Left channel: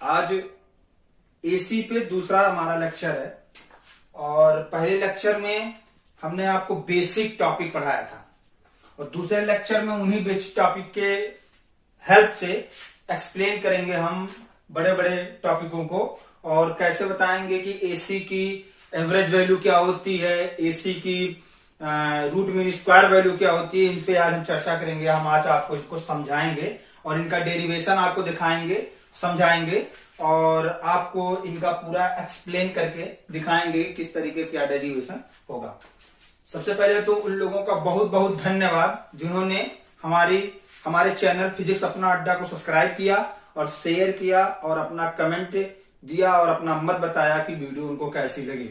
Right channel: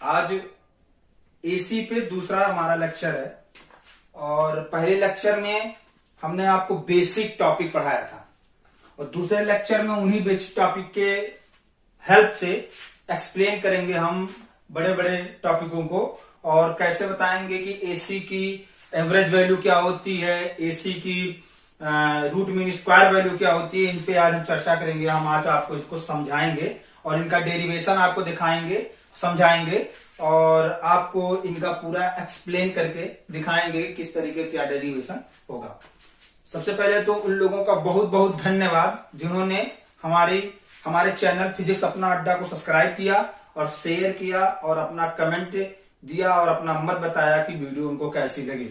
आज एसी पे दूसरा हमारा लेक्चर है और पहले लेक्चर में हमने आपको बेसिक टॉपिक पढ़ाया था और दूसरे लेक्चर में उन्हीं बेसिक टॉपिक के हेल्प से एक्सप्लेन करेंगे हम बड़े बड़े टॉपिकों को और कैसे बताएंगे कि एसी की एवरेज वैल्यू क्या होती है, एसी की रूट मीन स्क्वायर वैल्यू क्या होती है। इन पे आज हम चर्चा करेंगे। हम आज आपको इसको समझाएंगे और इनका डेरिवेशन आपको दिखाएंगे, समझाएंगे और आपको इनका पूरा एक्सप्लेन करके दिखाएंगे किस तरीके क्या डेरिवेशन होगा। सबसे पहले तो उन लोगों का बहुत बहुत धन्यवाद जिन्होंने हमारे चैनल फिजिक्स अपना अड्डा को सब्सक्राइब किया और शेयर किया और अपना कमेंट दिया और अपना मत बताया कि वीडियो उनको कैसी लगी।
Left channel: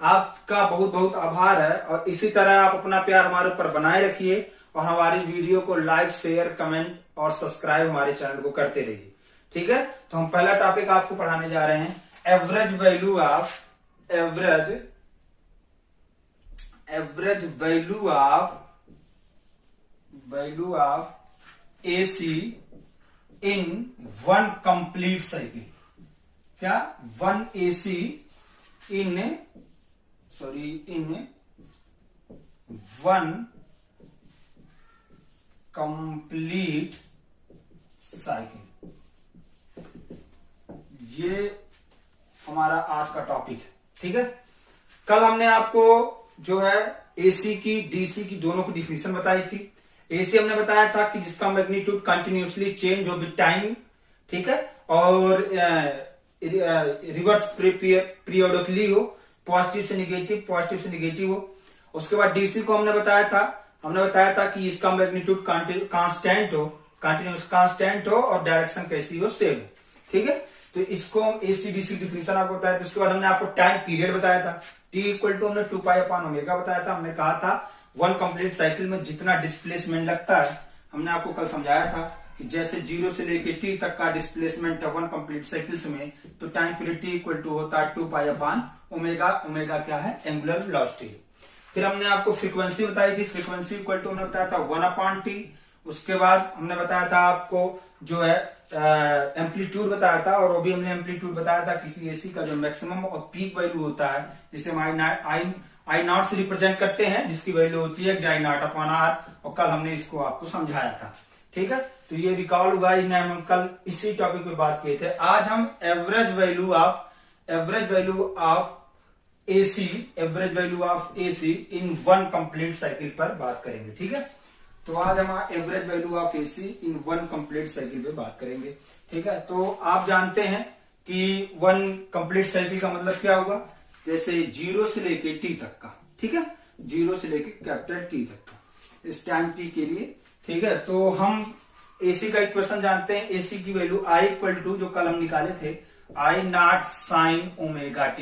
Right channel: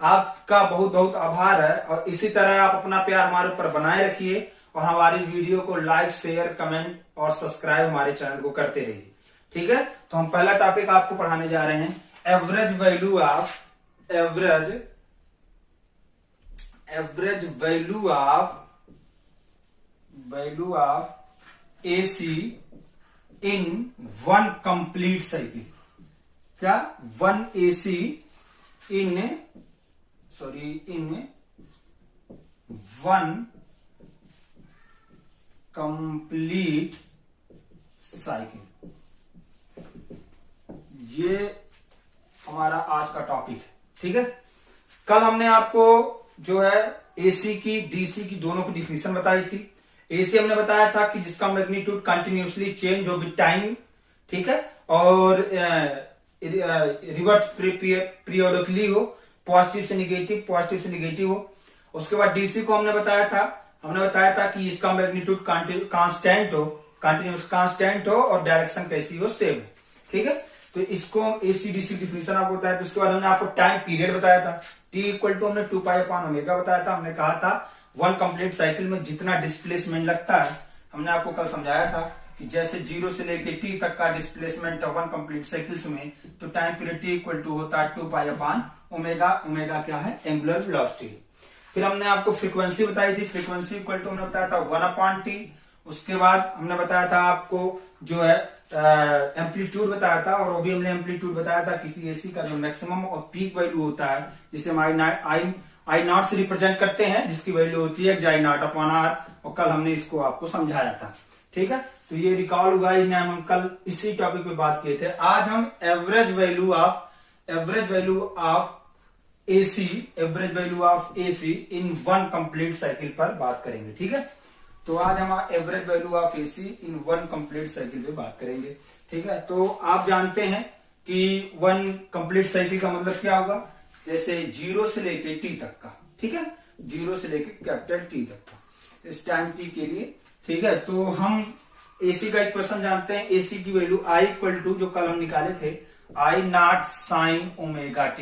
आपका बहुत बहुत आभार है और इसी तरह आप अपना प्यार हमारे ऊपर बनाए रखिए और हमारी वीडियो को लाइक, शेयर, कमेंट और सब्सक्राइब हमारे चैनल को करते रहिए। ठीक है, तो हम पहला टॉपिक आपको पढ़ाने जा रहे हैं, average value of AC in one complete cycle. क्या? One AC in one complete cycle. ये हमारा आज का टॉपिक है। ठीक है, कल हमने आपको जो है एसी की डीसी की दोनों की डिफिनेशन बताई थी। एसी हमने बताया था कि जिसका मैग्नीट्यूड कंटिन्यूसली चेंज हो विद टाइम, ठीक है, और रिवर्स पीरियोडिकली हो, पॉजिटिव से निगेटिव हो। उसके बाद डीसी को हमने बताया था कि इसका मैग्नीट्यूड कांस्टेंट हो, कंटिन्यूस कांस्टेंट हो और डायरेक्शन कैसी हो, सेम। ठीक है, तो इसको एसी डीसी डिफिनेशन आपको बताया था। उसके बाद हमने आपको टाइम पीरियड बताया था, टी इक्वल टू हमने 2π/ω बताया था। हमने कहा था वन कंप्लीट साइकिल में जितना डिस्प्लेसमेंट लगता है, हमने आपको कल समझाया था कि जैसे 0 से लेके टी तक का डिस्प्लेसमेंट है वन कंप्लीट साइकिल्स में, तो time period T equal to होता है 2π/ω। क्या है? Angular velocity. फिर हमने आपको फ्रीक्वेंसी बताई थी, फ्रीक्वेंसी इक्वल टू हमने बताया था 1/t। उसके बाद हमने बताया था आपको जो है एम्पलीट्यूड बताया था और वो भी हमने एम्पलीट्यूड बताया था किसी एसी का जो मैक्सिमम और पीक वैल्यू होता है, जिसे हम आई नॉट से रिप्रेजेंट करते हैं, जिसकी वैल्यू होती है I0/R। और कल हमने इसको आपको समझाया था। ठीक है, तो ये रिकॉल हुआ, हम कल इसी टॉपिक पे बात किए थे। आज हम average value of AC in one complete cycle पर बात करेंगे। ठीक है, तो आज हम average value of AC in one complete cycle पे बात करेंगे। ठीक है, तो आप जानते हैं कि वन कंप्लीट साइकिल का मतलब क्या होगा, जैसे 0 से लेके टी तक का। ठीक है, 0 से लेके कैपिटल टी तक का, इस टाइम टी के लिए। ठीक है, तो हम एसी का इक्वेशन जानते हैं। एसी की वैल्यू आई इक्वल टू, जो कल हम निकाले थे, I0 sin ωt।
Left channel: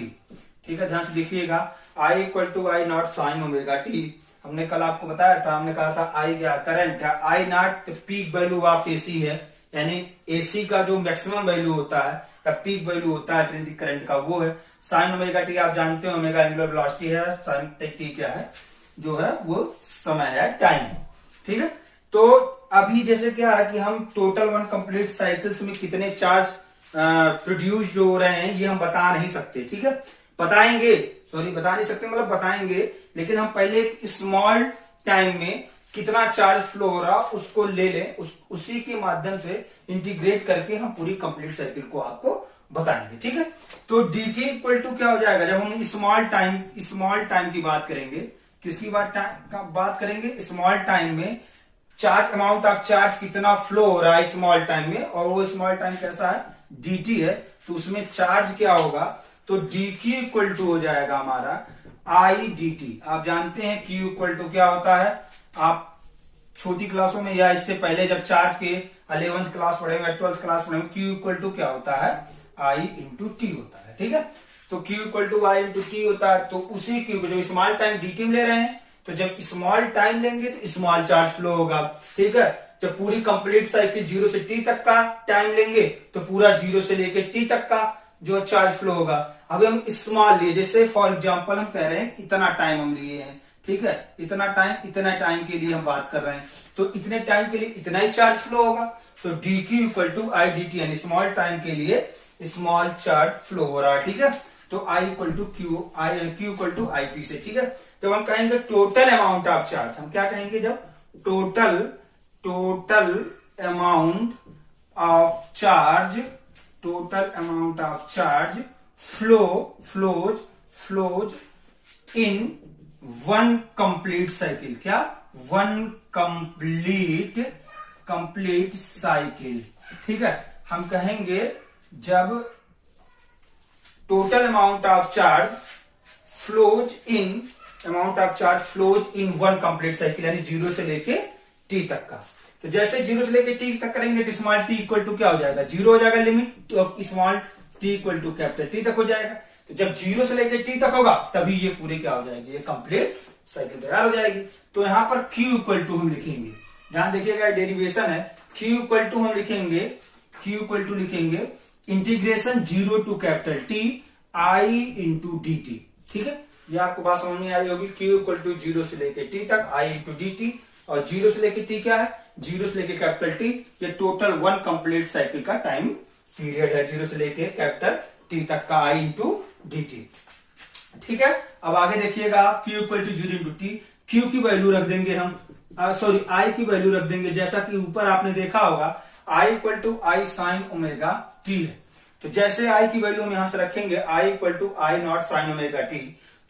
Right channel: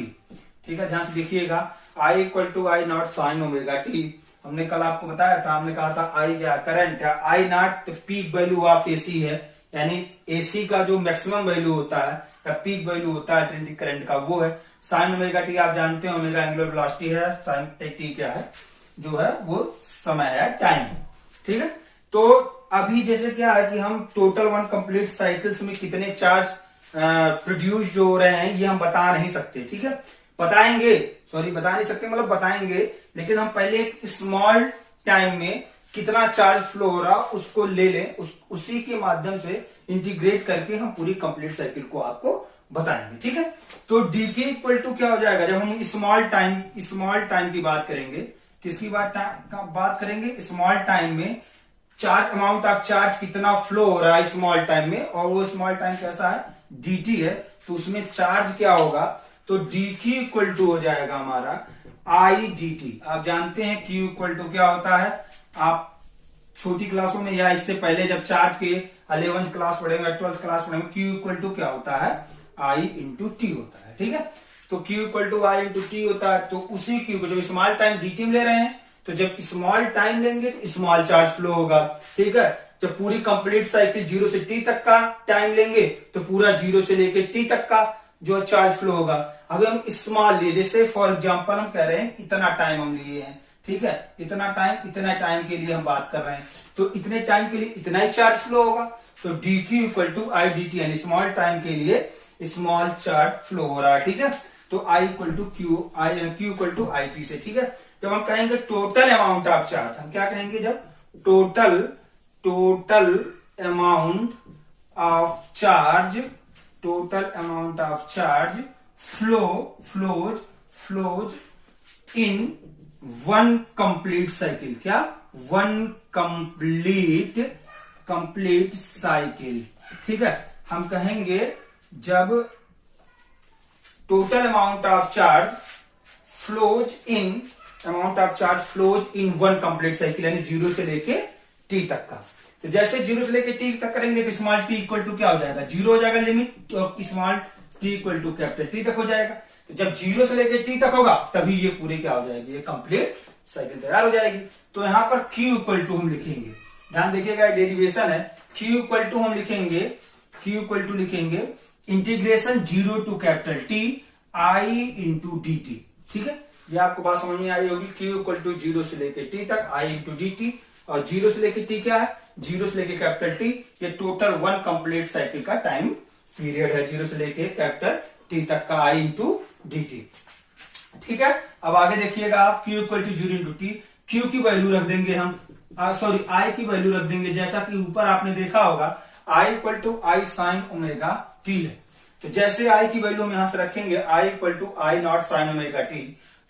ठीक है, ध्यान से देखिएगा, I equal to I0 sin ωt। हमने कल आपको बताया था, हमने कहा था आई क्या करंट है, I0 peak value of AC है, यानी एसी का जो मैक्सिमम वैल्यू होता है या पीक वैल्यू होता है ट्रेंडिंग करंट का, वो है साइन ωt। आप जानते हैं ओमेगा एंगुलर वेलोसिटी है, साइन टी क्या है, जो है वो समय है, टाइम है। ठीक है, तो अभी जैसे क्या है कि हम टोटल वन कंप्लीट साइकिल्स में कितने चार्ज प्रोड्यूस जो हो रहे हैं ये हम बता नहीं सकते। ठीक है, बता नहीं सकते मतलब बताएंगे, लेकिन हम पहले एक स्मॉल टाइम में कितना चार्ज फ्लो हो रहा उसको ले लें, उसी के माध्यम से इंटीग्रेट करके हम पूरी कंप्लीट साइकिल को आपको बताएंगे। ठीक है, तो dt इक्वल टू क्या हो जाएगा, जब हम स्मॉल टाइम की बात करेंगे, किसकी बात करेंगे, स्मॉल टाइम में चार्ज अमाउंट ऑफ चार्ज कितना फ्लो हो रहा है स्मॉल टाइम में, और वो स्मॉल टाइम कैसा है, dt है, तो उसमें चार्ज क्या होगा, तो dq इक्वल टू हो जाएगा हमारा I dt। आप जानते हैं q इक्वल टू क्या होता है, आप छोटी क्लासों में या इससे पहले जब चार्ज के 11th क्लास पढ़ेंगे, 12th क्लास पढ़ेंगे, q इक्वल टू क्या होता है, I इंटू टी होता है। ठीक है, तो q equal to I into T होता है। तो उसी q को जब स्मॉल टाइम dt में ले रहे हैं, तो जब स्मॉल टाइम लेंगे तो स्मॉल चार्ज फ्लो होगा। ठीक है, जब पूरी कंप्लीट साइकिल 0 से t तक का टाइम लेंगे तो पूरा 0 से लेके t तक का जो चार्ज फ्लो होगा। अभी हम स्मॉल लिए, जैसे फॉर एग्जांपल हम कह रहे हैं इतना टाइम हम लिए हैं, ठीक है, इतना टाइम के लिए हम बात कर रहे हैं, तो इतने टाइम के लिए इतना ही चार्ज फ्लो होगा। तो dq equal to I D T, यानी स्मॉल टाइम के लिए स्मॉल चार्ज फ्लो हो रहा है, ठीक है। तो I equal to Q equal to I T से, ठीक है। तो हम कहेंगे टोटल अमाउंट ऑफ चार्ज, हम क्या कहेंगे जब total amount of charge flows in one complete cycle, क्या वन कंप्लीट साइकिल, ठीक है। हम कहेंगे जब total amount of charge flows in one complete cycle, यानी 0 से लेके t तक का। तो जैसे 0 से लेके t तक करेंगे तो स्मॉल t इक्वल टू क्या हो जाएगा, 0 हो जाएगा लिमिट, और small t equal to capital T तक हो जाएगा। तो जब 0 से लेके t तक होगा तभी ये पूरे क्या हो जाएगी, ये कंप्लीट साइकिल तैयार हो जाएगी। तो यहां पर q इक्वल टू हम लिखेंगे, ध्यान देखिएगा डेरिवेशन है, q इक्वल टू हम लिखेंगे integration 0 to capital T I into D T, ठीक है। ये आपको बात समझ में आई होगी। q इक्वल टू 0 से लेके t तक I इंटू डी टी, और 0 से लेके t क्या है, 0 से लेके कैपिटल T, ये टोटल वन कंप्लीट साइकिल का टाइम पीरियड है, 0 से लेके कैपिटल T तक का I इंटू डी टी, ठीक है। अब आगे देखिएगा आप, q equal to 0 into T, q की वैल्यू रख देंगे हम, I की वैल्यू रख देंगे, जैसा कि ऊपर आपने देखा होगा I equal to I sine omega T है। तो जैसे I की वैल्यू हम यहां से रखेंगे I equal to I not sine omega T,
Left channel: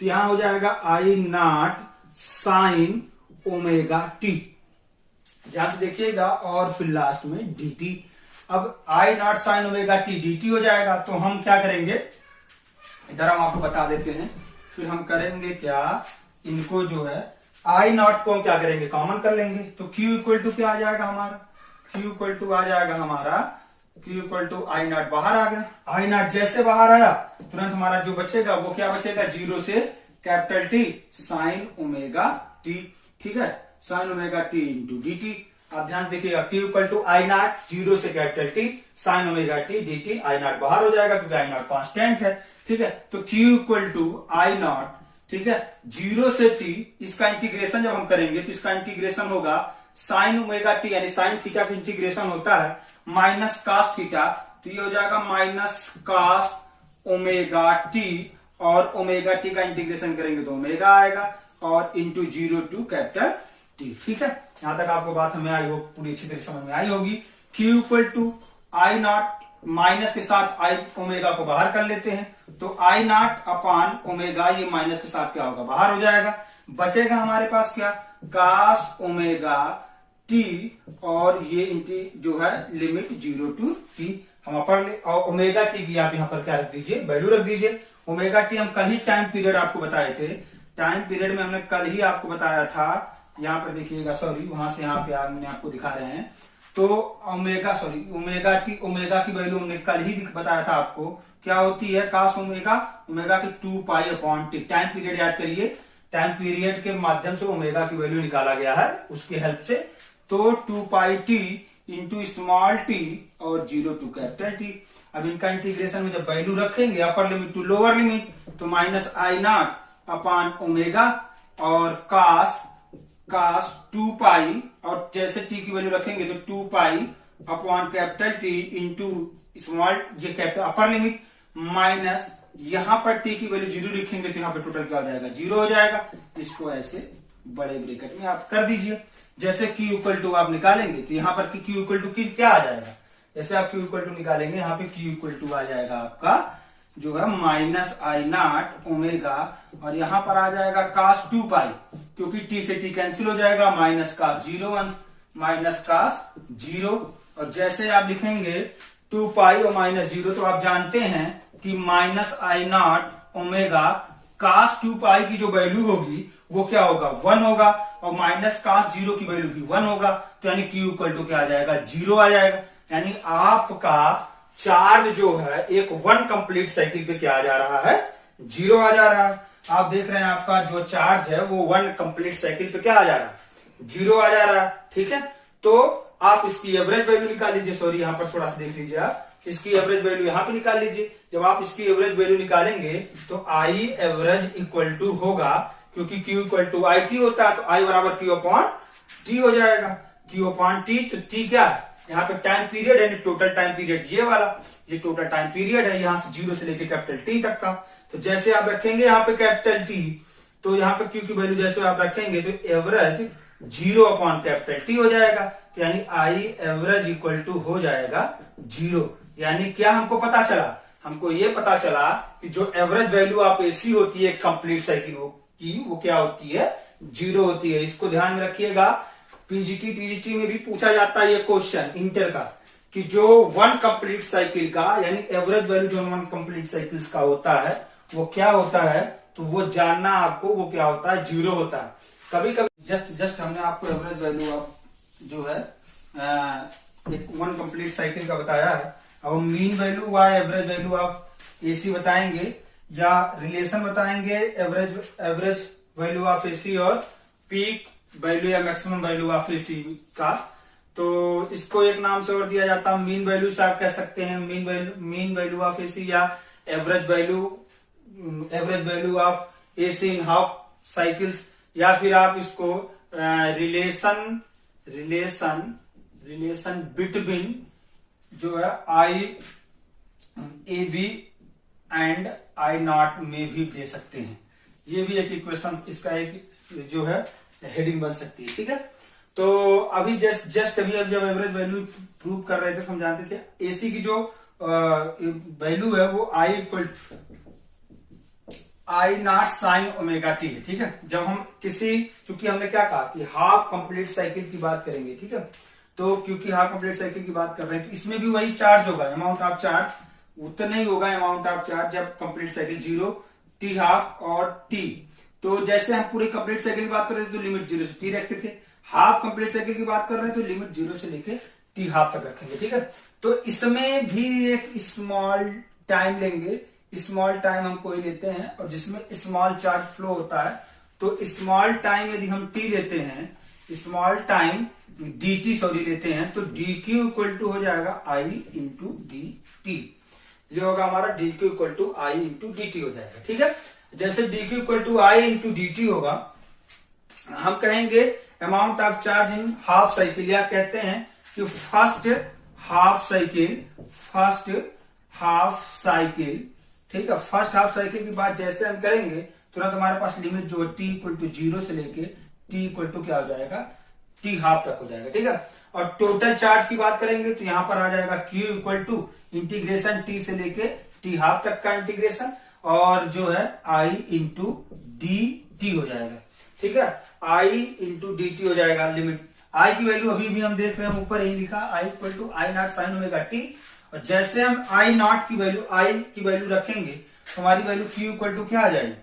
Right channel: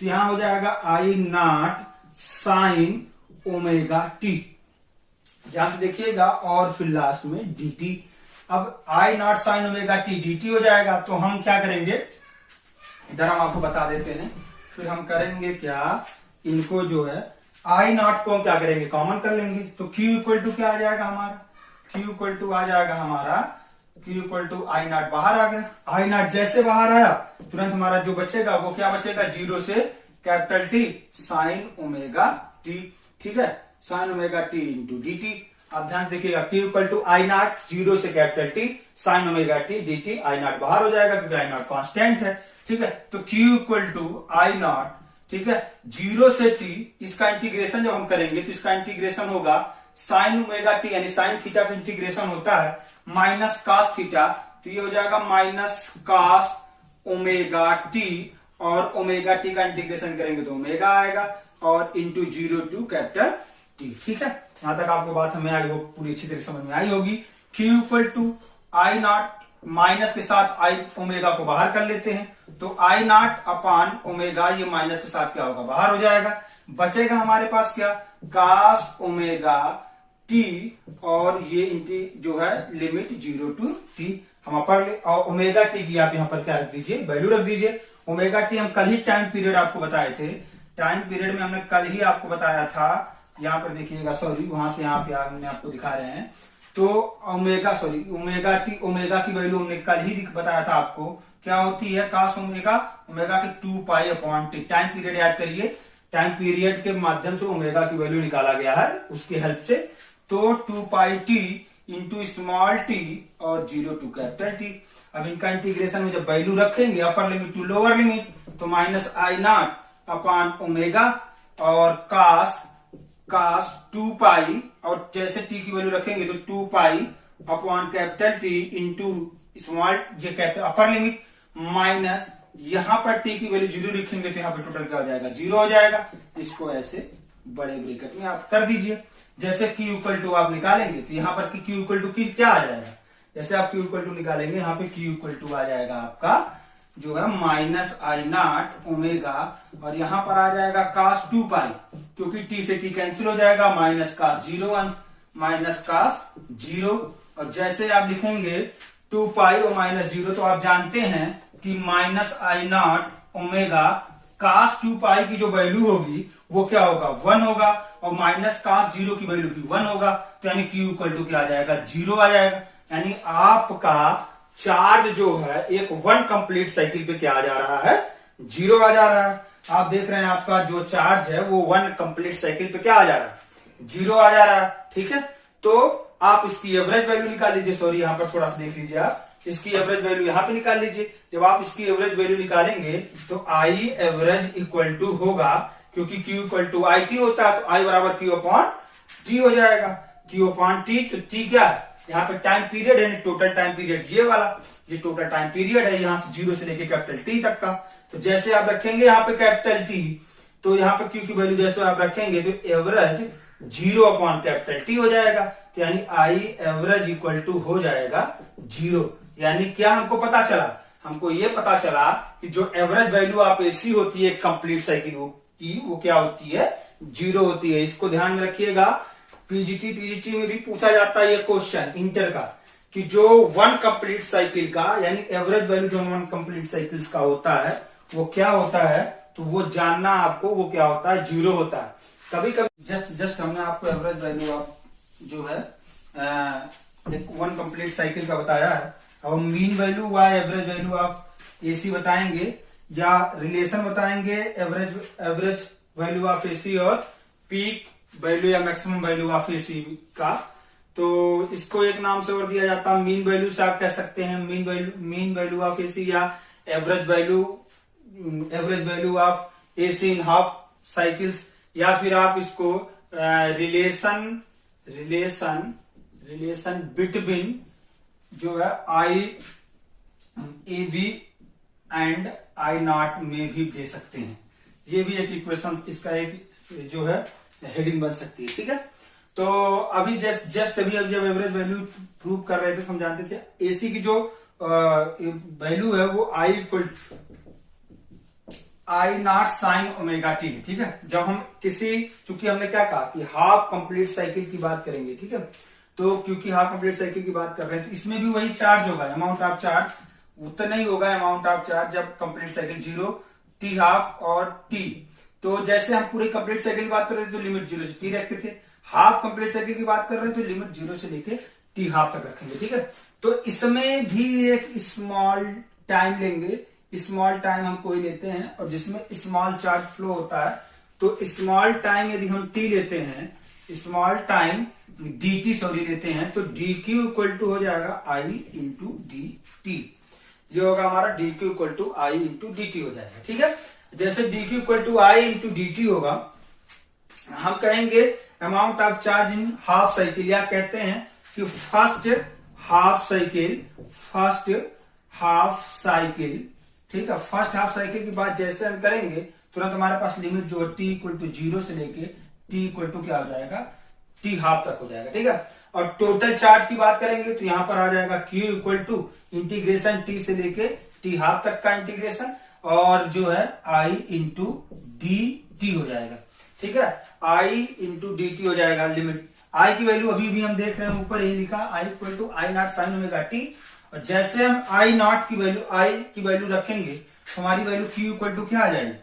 तो यहां हो जाएगा I naught sine omega T, ध्यान से देखिएगा, और फिर लास्ट में dt। अब I naught sine omega T dt हो जाएगा। तो हम क्या करेंगे, इधर हम आपको बता देते हैं, फिर हम करेंगे क्या, इनको जो है I नॉट को क्या करेंगे, कॉमन कर लेंगे। तो Q इक्वल टू क्या आ जाएगा हमारा, Q इक्वल टू आ जाएगा हमारा, Q equal to I naught बाहर आ गया, आई नॉट जैसे बाहर आया तुरंत हमारा जो बचेगा वो क्या बचेगा, 0 से capital T sine omega T, ठीक है, sine omega T into D T. आप ध्यान देखिएगा, Q equal to I naught 0 से capital T sine omega T D T, I naught बाहर हो जाएगा क्योंकि आई नॉट कॉन्स्टेंट है, ठीक है। तो Q equal to I naught, ठीक है, 0 से t, इसका इंटीग्रेशन जब हम करेंगे तो इसका इंटीग्रेशन होगा साइन ओमेगा टी, यानी साइन थीटा का इंटीग्रेशन होता है माइनस कास थीटा, तो ये हो जाएगा माइनस कास ओमेगा टी, और ओमेगा टी का इंटीग्रेशन करेंगे तो ओमेगा आएगा, और इंटू 0 टू कैपिटल टी, ठीक है। यहां तक आपको बात हमें आई हो, पूरी अच्छी तरीके समझ में आई होगी। Q equal to I naught, minus के साथ आई ओमेगा को बाहर कर लेते हैं, तो आई नॉट अपान ओमेगा, ये माइनस के साथ क्या होगा, बाहर हो जाएगा, बचेगा हमारे पास क्या, कास ओमेगा टी, और ये इनकी जो है लिमिट 0 टू टी हम अपर, और ओमेगा टी की आप यहां पर क्या रख दीजिए, वैल्यू रख दीजिए। ओमेगा टी हम कल ही टाइम पीरियड आपको बताए थे, टाइम पीरियड में हमने कल ही आपको बताया था, यहाँ पर देखिएगा, सॉरी वहां से यहाँ पे हमने आपको दिखा रहे हैं। तो ओमेगा टी, ओमेगा की वैल्यू हमने कल ही बताया था आपको, क्या होती है, कास ओमेगा, ओमेगा की 2 pi upon T. Time period याद करिए, टाइम पीरियड के माध्यम से ओमेगा की वैल्यू निकाला गया है उसके हेल्प से। तो 2 pi T into small T और 0 टू कैपिटल टी। अब इनका इंटीग्रेशन में जब वैल्यू रखेंगे upper limit to lower limit, तो माइनस आई नॉट अपान ओमेगा और कास 2 पाई, और जैसे टी की वैल्यू रखेंगे तो 2 pi upon capital T into small, ये कैपिटल अपर लिमिट, माइनस यहां पर टी की वैल्यू 0 लिखेंगे तो यहां पर टोटल क्या हो जाएगा, 0 हो जाएगा। इसको ऐसे बड़े ब्रैकेट में आप कर दीजिए। जैसे Q इक्वल टू आप निकालेंगे तो यहाँ पर Q इक्वल टू क्या आ जाएगा, जैसे आप Q इक्वल टू निकालेंगे यहाँ पे Q इक्वल टू आ जाएगा आपका जो है माइनस आई नॉट ओमेगा, और यहाँ पर आ जाएगा कास 2 पाई, क्योंकि T से T कैंसिल हो जाएगा, माइनस कास 0 माइनस कास 0, और जैसे आप लिखेंगे 2 पाई और माइनस 0, तो आप जानते हैं कि माइनस आई नॉट ओमेगा कास 2 पाई की जो वैल्यू होगी वो क्या होगा, 1 होगा, और माइनस कास 0 की वैल्यू भी 1 होगा, तो यानी Q इक्वल टू क्या आ जाएगा, 0 आ जाएगा। यानी आपका चार्ज जो है एक वन कंप्लीट साइकिल पे क्या आ जा रहा है, 0 आ जा रहा है। आप देख रहे हैं आपका जो चार्ज है वो वन कंप्लीट साइकिल पे क्या आ जा रहा है, 0 आ जा रहा है, ठीक है। तो आप इसकी एवरेज वैल्यू निकाल लीजिए, सॉरी यहाँ पर थोड़ा सा देख लीजिए, आप इसकी एवरेज वैल्यू यहाँ पे निकाल लीजिए। जब आप इसकी एवरेज वैल्यू निकालेंगे तो आई एवरेज इक्वल टू होगा, क्योंकि Q equal to I T होता है, तो I बराबर Q अपॉन टी हो जाएगा, Q अपॉन टी, तो टी क्या है, यहाँ पे टाइम पीरियड है, टोटल टाइम पीरियड ये वाला, ये टोटल टाइम पीरियड है, यहाँ से 0 से लेके कैपिटल टी तक का। तो जैसे आप रखेंगे यहाँ पे कैपिटल टी, तो यहाँ पे क्यू की वैल्यू जैसे आप रखेंगे तो एवरेज 0 अपॉन कैपिटल टी हो जाएगा। तो यानी आई एवरेज इक्वल टू हो जाएगा 0। यानी क्या हमको पता चला, हमको ये पता चला कि जो एवरेज वैल्यू ऑफ एसी होती है कंप्लीट साइकिल की, वो क्या होती है, 0 होती है। इसको ध्यान में रखिएगा, पीजीटी टीजीटी में भी पूछा जाता है ये क्वेश्चन इंटर का, कि जो वन कंप्लीट साइकिल का यानी एवरेज वैल्यू जो वन कंप्लीट साइकिल्स का होता है वो क्या होता है, तो वो जानना आपको, वो क्या होता है, 0 होता है। कभी कभी जस्ट हमने आपको एवरेज वैल्यू ऑफ जो है एक वन कंप्लीट साइकिल का बताया है। अब मीन वैल्यू व एवरेज वैल्यू ऑफ एसी बताएंगे या रिलेशन बताएंगे एवरेज वैल्यू ऑफ एसी और पीक वैल्यू या मैक्सिमम वैल्यू ऑफ एसी का। तो इसको एक नाम से और दिया जाता है मीन वैल्यू से आप कह सकते हैं मीन वैल्यू ऑफ एसी, या average value of AC in half cycles, या फिर आप इसको रिलेशन बिटवीन जो है I A B and I nought में भी दे सकते हैं। ये भी एक इक्वेशन, इसका एक जो है हेडिंग बन सकती है। ठीक है, तो अभी जस्ट अभी जब एवरेज वैल्यू प्रूव कर रहे थे, हम जानते थे एसी की जो वैल्यू है वो I equal I not sine omega T है। ठीक है, जब हम चूंकि हमने क्या कहा कि हाफ कंप्लीट साइकिल की बात करेंगे, ठीक है, तो क्योंकि हाफ कंप्लीट साइकिल की बात कर रहे हैं तो इसमें भी वही चार्ज होगा, अमाउंट ऑफ चार्ज उतना ही होगा अमाउंट ऑफ चार्ज जब कंप्लीट साइकिल 0 टी हाफ और टी। तो जैसे हम पूरे कंप्लीट साइकिल की बात कर रहे थे तो लिमिट 0 से टी रखते थे, हाफ कंप्लीट साइकिल की बात कर रहे हैं तो लिमिट 0 से लेके टी हाफ तक रखेंगे। ठीक है, तो इसमें भी एक स्मॉल टाइम लेंगे, स्मॉल टाइम हम कोई लेते हैं और जिसमें स्मॉल चार्ज फ्लो होता है। तो स्मॉल टाइम यदि हम टी लेते हैं, स्मॉल टाइम dt लेते हैं, तो dq इक्वल टू हो जाएगा i इंटू डी टी। ये होगा हमारा dq equal to i into D t हो जाएगा। ठीक है, जैसे dq equal to i into D t होगा, हम कहेंगे amount of charge in half cycle, या कहते हैं कि फर्स्ट हाफ साइकिल। ठीक है, फर्स्ट हाफ साइकिल की बात जैसे हम करेंगे तुरंत हमारे पास लिमिट जो है t इक्वल टू 0 से लेके t इक्वल टू क्या हो जाएगा, टी हाफ तक हो जाएगा। ठीक है, और टोटल चार्ज की बात करेंगे तो यहां पर आ जाएगा Q equal to integration t से लेके टी हाफ तक का इंटीग्रेशन, और जो है I इंटू डी टी हो जाएगा। ठीक है, I इंटू डी टी हो जाएगा। लिमिट I की वैल्यू अभी भी हम देख रहे हैं, ऊपर ही लिखा I equal to I not sine omega t. और जैसे हम आई नॉट की वैल्यू रखेंगे तो हमारी वैल्यू Q इक्वल टू क्या आ जाएगी,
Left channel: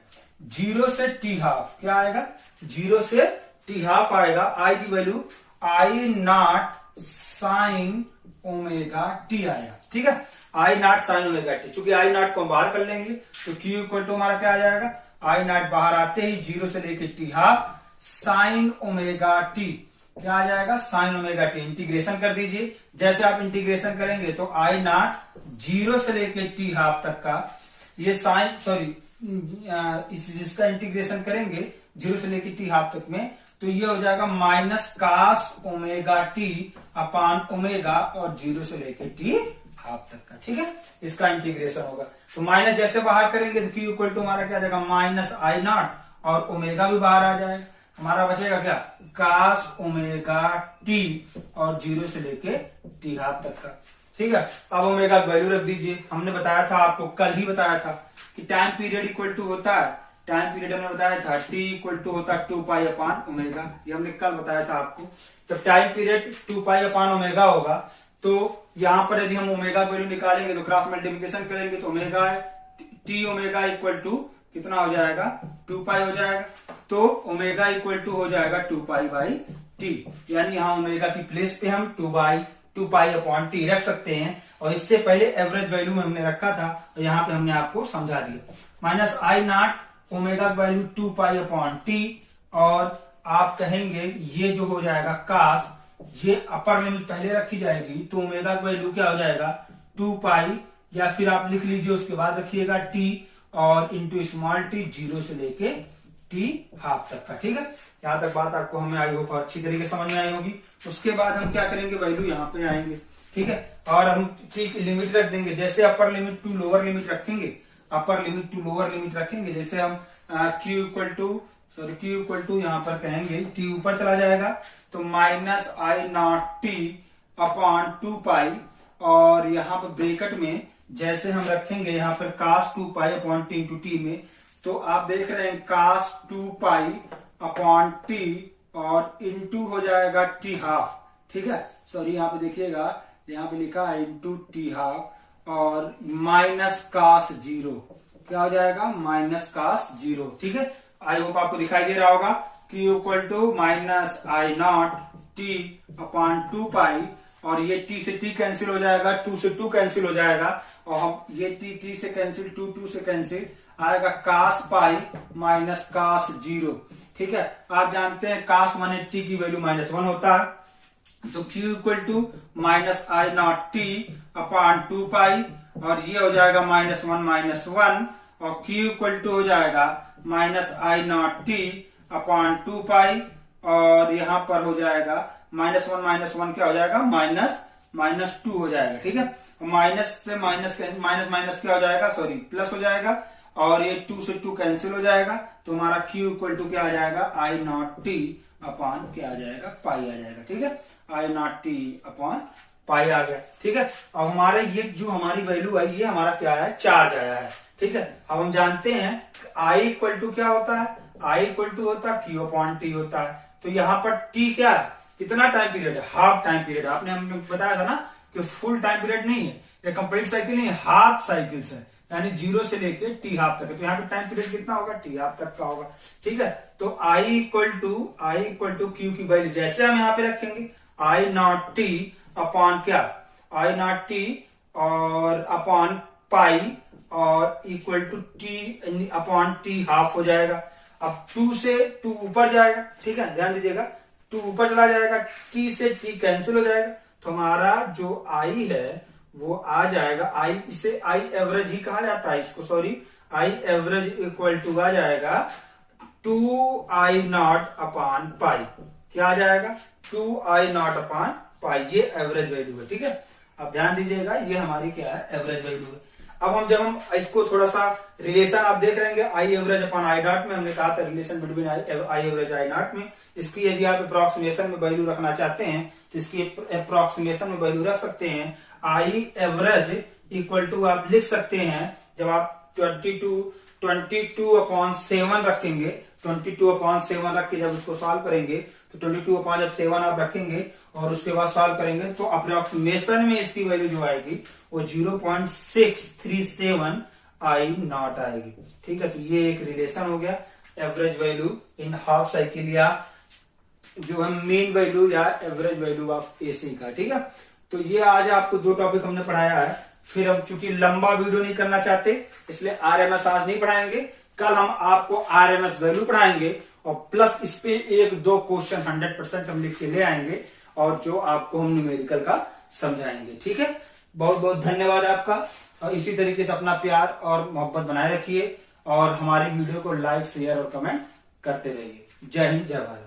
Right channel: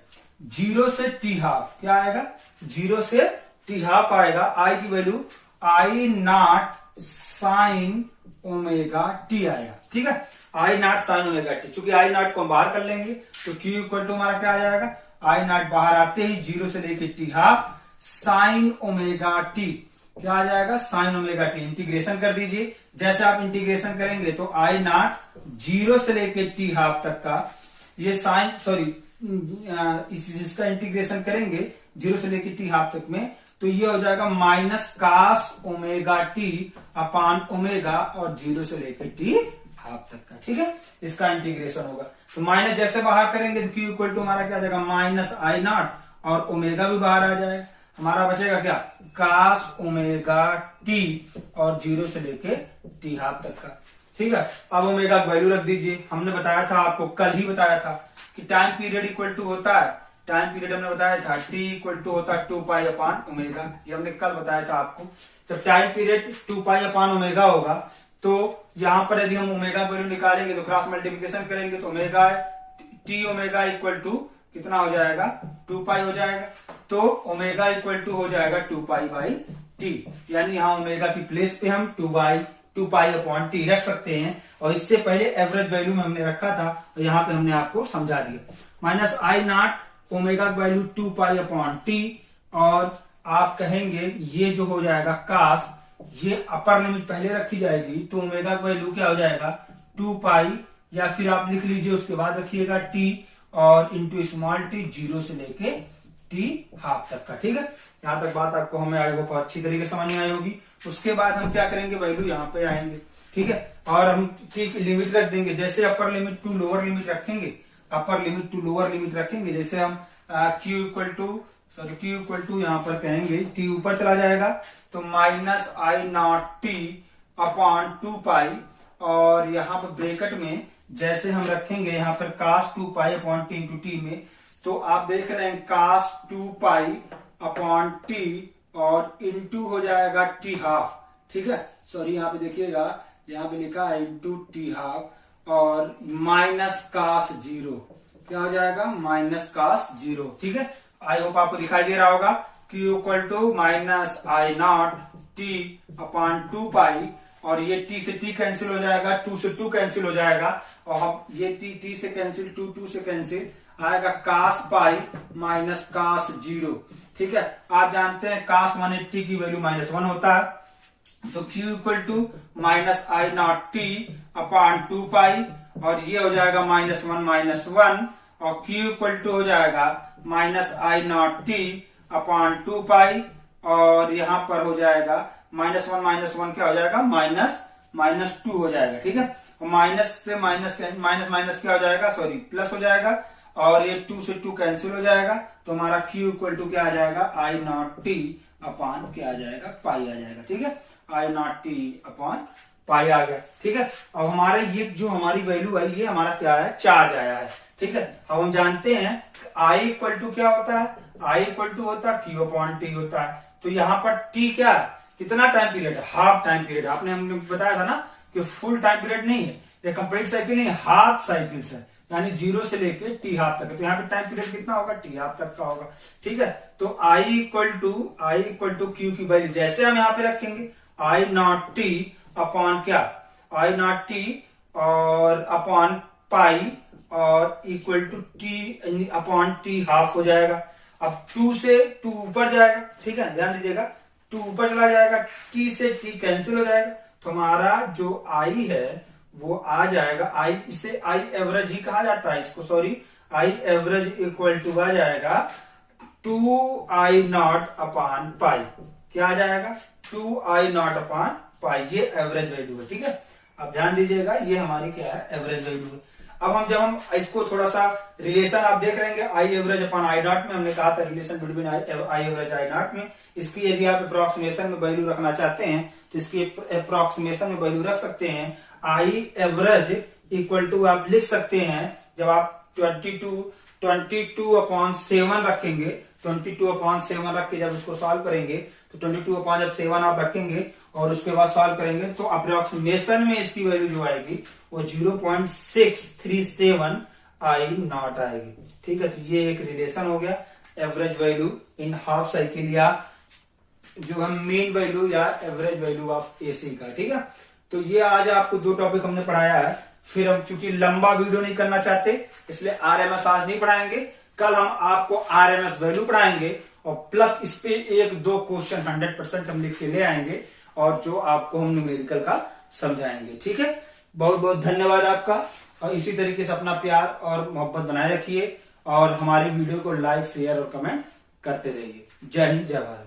0 से टी हाफ। क्या आएगा, 0 से टी हाफ आएगा। आई की value I not sine omega T आएगा। ठीक है, आई नॉट साइन ओमेगा टी, चूंकि आई नॉट को हम बाहर कर लेंगे तो Q इक्वल टू हमारा क्या आ जाएगा, आई नॉट बाहर आते ही 0 से लेके T half sine omega T. क्या आ जाएगा, साइन ओमेगा टी। इंटीग्रेशन कर दीजिए, जैसे आप इंटीग्रेशन करेंगे तो आई नॉट 0 से लेके टी हाफ तक का ये जिसका इंटीग्रेशन करेंगे 0 से लेके टी हाफ तक में, तो ये हो जाएगा minus cos omega t upon omega और 0 से लेके टी हाफ तक का। ठीक है, इसका इंटीग्रेशन होगा। तो माइनस जैसे बाहर करेंगे तो Q इक्वल टू हमारा क्या आ जाएगा, माइनस आई नॉट और ओमेगा भी बाहर आ जाएगा, हमारा बचेगा क्या, कास ओमेगा टी और 0 से लेके टी हाफ तक का। ठीक है, अब ओमेगा वैल्यू रख दीजिए। हमने बताया था आपको, कल ही बताया था कि टाइम पीरियड इक्वल टू होता है, टाइम पीरियड हमने बताया था t इक्वल टू होता है 2 पाई अपान ओमेगा, ये हमने कल बताया था आपको। तो टाइम पीरियड 2 पाई अपान ओमेगा होगा, तो यहां पर यदि हम ओमेगा वैल्यू निकालेंगे तो क्रॉस मल्टीप्लिकेशन करेंगे तो omega t omega equal to कितना हो जाएगा, 2 पाई हो जाएगा। तो ओमेगा इक्वल टू हो जाएगा 2 पाई बाई टी, यानी यहाँ ओमेगा की प्लेस पे हम 2 पाई अपॉन टी रख सकते हैं। और इससे पहले एवरेज वैल्यू में हमने रखा था, तो यहाँ पे हमने आपको समझा दिया। Minus I not omega value 2 pi upon T, और आप कहेंगे ये जो हो जाएगा कास, ये अपर लिमिट पहले रखी जाएगी तो ओमेगा वैल्यू क्या हो जाएगा 2 पाई, या फिर आप लिख लीजिए उसके बाद रखिएगा टी और इंटू स्मॉल टी 0 से लेके टी हाफ तक का। ठीक है, यहाँ तक बात आपको हमें आई होप अच्छी तरीके से समझ में आई होगी। उसके बाद हम क्या करेंगे, वैल्यू यहाँ पे आएंगे। ठीक है, और हम टी की लिमिट रख देंगे, जैसे upper limit to lower limit रखेंगे, upper limit to lower limit रखेंगे। जैसे हम क्यू इक्वल टू यहाँ पर कहेंगे, टी ऊपर चला जाएगा तो माइनस आई नॉट टी अपॉन 2 पाई, और यहाँ पर ब्रेकेट में जैसे हम रखेंगे यहाँ पर cos 2 pi upon T into T में, तो आप देख रहे हैं cos 2 पाई अपॉन टी और इंटू हो जाएगा टी हाफ। ठीक है, सॉरी यहाँ पे देखिएगा, यहाँ पे लिखा है इंटू टी हाफ और माइनस cos 0, क्या हो जाएगा माइनस cos 0। ठीक है, आई होप आपको दिखाई दे रहा होगा। Q equal to minus I naught t upon 2 pi, और ये t से t कैंसिल हो जाएगा, 2 से 2 कैंसिल हो जाएगा, और हम ये t से कैंसिल, 2 से कैंसिल आएगा cos पाई माइनस cos 0। ठीक है, आप जानते हैं cos माने t की वैल्यू -1 होता है, तो Q equal to minus I naught t upon 2 pi, और ये हो जाएगा -1 और Q इक्वल टू हो जाएगा माइनस आई नॉट टी अपॉन 2 पाई, और यहां पर हो जाएगा -1 क्या हो जाएगा -2 हो जाएगा। ठीक है, माइनस से माइनस क्या हो जाएगा, सॉरी प्लस हो जाएगा, और ये 2 से 2 कैंसिल हो जाएगा, तो हमारा Q इक्वल टू क्या आ जाएगा आई नॉट टी अपॉन क्या आ जाएगा पाई आ जाएगा। ठीक है, आई नॉट टी अपॉन पाई आ गया। ठीक है, अब हमारे ये जो हमारी वैल्यू आई, ये हमारा क्या है, चार्ज आया है। ठीक है, अब हम जानते हैं आई इक्वल टू क्या होता है, आई इक्वल टू होता है Q अपॉन टी होता है। तो यहाँ पर टी क्या है, कितना टाइम पीरियड है, हाफ टाइम पीरियड। आपने हमने बताया था ना कि फुल टाइम पीरियड नहीं है, ये कंप्लीट साइकिल नहीं, हाफ साइकिल है, यानी 0 से लेके टी हाफ तक। तो यहाँ पे टाइम पीरियड कितना होगा, टी हाफ तक का होगा। ठीक है, तो आई इक्वल टू क्यू की वैल्यू जैसे हम यहाँ पे रखेंगे, आई नॉट टी अपॉन क्या, आई नॉट टी और अपॉन पाई, और equal to t upon t half हो जाएगा। अब 2 से 2 ऊपर जाएगा। ठीक है, ध्यान दीजिएगा, 2 ऊपर चला जाएगा, टी से टी कैंसिल हो जाएगा, तो हमारा जो आई है वो आ जाएगा, आई इसे आई एवरेज ही कहा जाता है इसको, sorry I average equal to आ जाएगा 2 आई नॉट अपॉन पाई। क्या आ जाएगा, 2 आई नॉट अपॉन पाई, ये एवरेज वैल्यू है। ठीक है, अब ध्यान दीजिएगा, ये हमारी क्या है, एवरेज वैल्यू है। अब हम जब हम इसको थोड़ा सा रिलेशन आप देख रहे हैं I average upon I nought में, हमने कहा था relation between I average I nought में, इसकी यदि आप अप्रोक्सीमेशन में वैल्यू रखना चाहते हैं तो इसकी अप्रोक्सीमेशन में वैल्यू रख सकते हैं। आई एवरेज इक्वल टू आप लिख सकते हैं, जब आप 22 अपॉन 7 रखेंगे, 22 अपॉन 7 रख के जब उसको सॉल्व करेंगे, तो 22 अपॉन जब 7 आप रखेंगे और उसके बाद सॉल्व करेंगे, तो अप्रोक्सीमेशन में इसकी वैल्यू जो आएगी वो 0.637 आई नॉट आएगी। ठीक है, तो ये एक रिलेशन हो गया average value in half cycle, या जो हम मेन वैल्यू या एवरेज वैल्यू ऑफ एसी का। ठीक है, तो ये आज आपको 2 टॉपिक हमने पढ़ाया है। फिर हम चूंकि लंबा वीडियो नहीं करना चाहते, इसलिए आरएमएस आज नहीं पढ़ाएंगे, कल हम आपको आरएमएस वैल्यू पढ़ाएंगे, और प्लस इस पे 1-2 क्वेश्चन 100% हम लिख के ले आएंगे, और जो आपको हम न्यूमेरिकल का समझाएंगे। ठीक है, बहुत बहुत धन्यवाद आपका, और इसी तरीके से अपना प्यार और मोहब्बत बनाए रखिए, और हमारी वीडियो को लाइक शेयर और कमेंट करते रहिए। जय हिंद, जय भारत।